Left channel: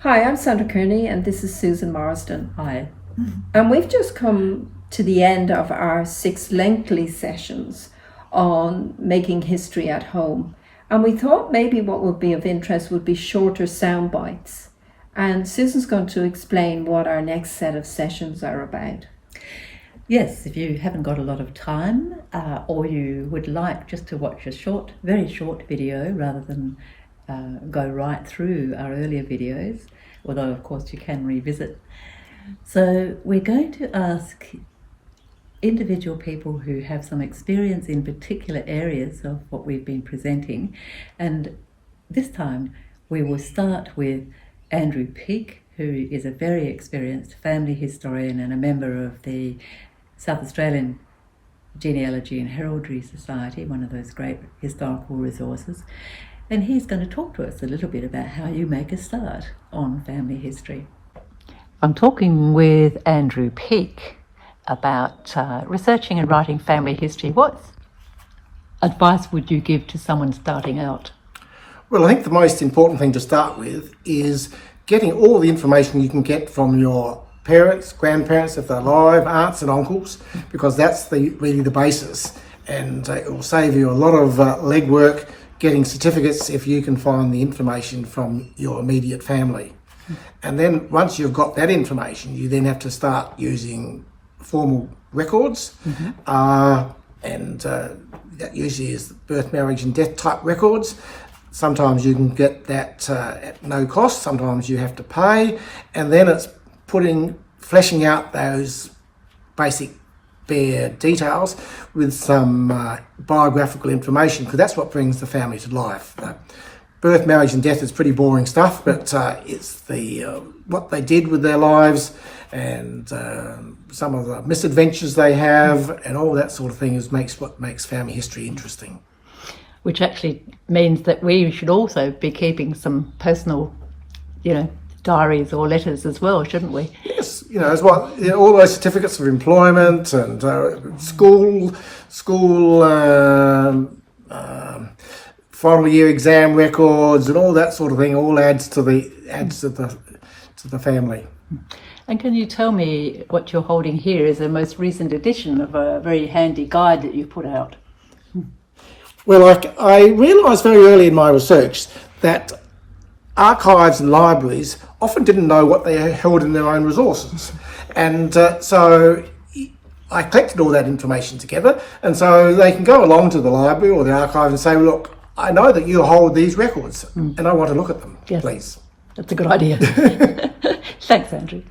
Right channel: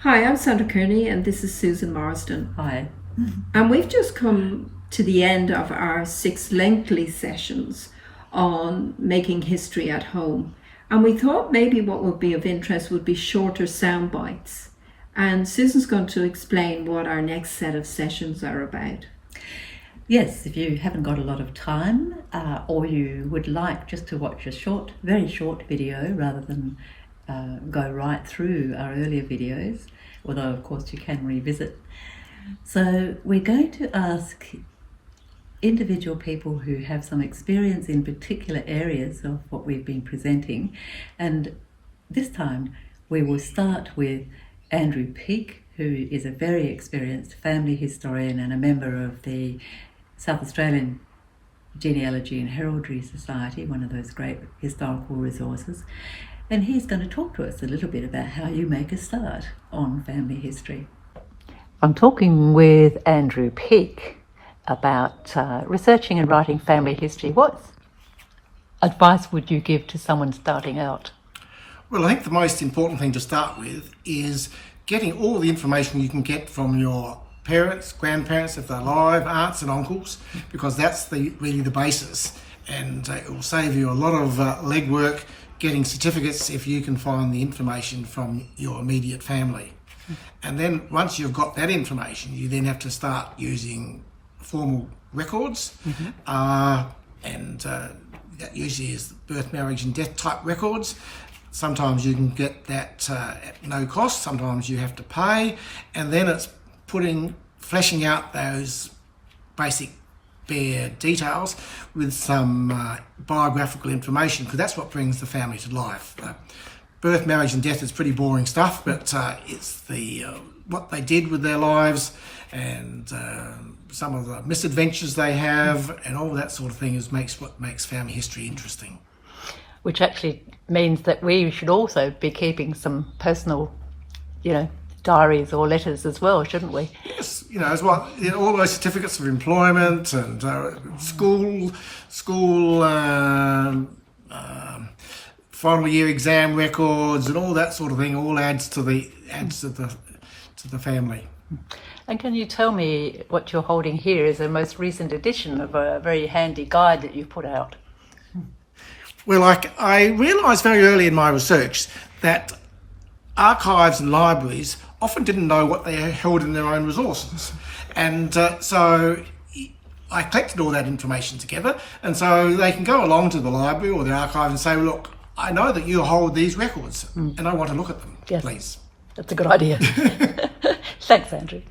Hi, I'm Sandra Kearney and this is Susan Marsden. Hi. And we've just come to the end of our 6 lengthy sessions on making history at home. And we thought maybe what would be of interest would be shorter sound bites. And Susan's going to explain what our next set of sessions are about. Yes, if you haven't got a lot of time or you would like just to watch a very short video rather than go right through our earlier videos, although of course you can revisit. So we're going to ask individual people who have some experience in particular areas of what we've been presenting, and this time we will start with Andrew Peake, who is a very experienced family historian and a member of the South Australian Genealogy and Heraldry Society, one of those great historical resources. And he's going to talk to us a little bit about how you make a start on family history. I'm talking with Andrew Peake about researching and writing family history. What advice would you give to someone starting out? Well, I think the most important thing to start with is getting all the information you can get from your parents, grandparents if they're alive, aunts and uncles, because that's really the basis. And it will save you a lot of legwork getting certificates if you can find the information from your immediate family. And then once you've got that information, you then have to start using formal records. And that usually is birth, marriage and death type records. Sometimes you can get that at no cost, sometimes you have to pay, and then it's fleshing out those basic bare details with some biographical information, because that's what brings the family to life. Birth, marriage and death is pretty boring stuff, but it's the what they did with their lives and some of the misadventures they have and all that sort of thing what makes family history interesting. Which actually means that we should also be keeping some personal, diaries or letters as well, shouldn't we? Yes, as well. All those certificates of employment and school, final year exam records and all that sort of thing all adds to the family. And can you tell me what you're holding here is a most recent edition of a very handy guide that you put out? Well, I realised very early in my research that archives and libraries often didn't know what they held in their own resources. And so I collected all that information together, and so they can go along to the library or the archive and say, look, I know that you hold these records and I want to look at them, yes. Please. That's a good idea. Thanks, Andrew.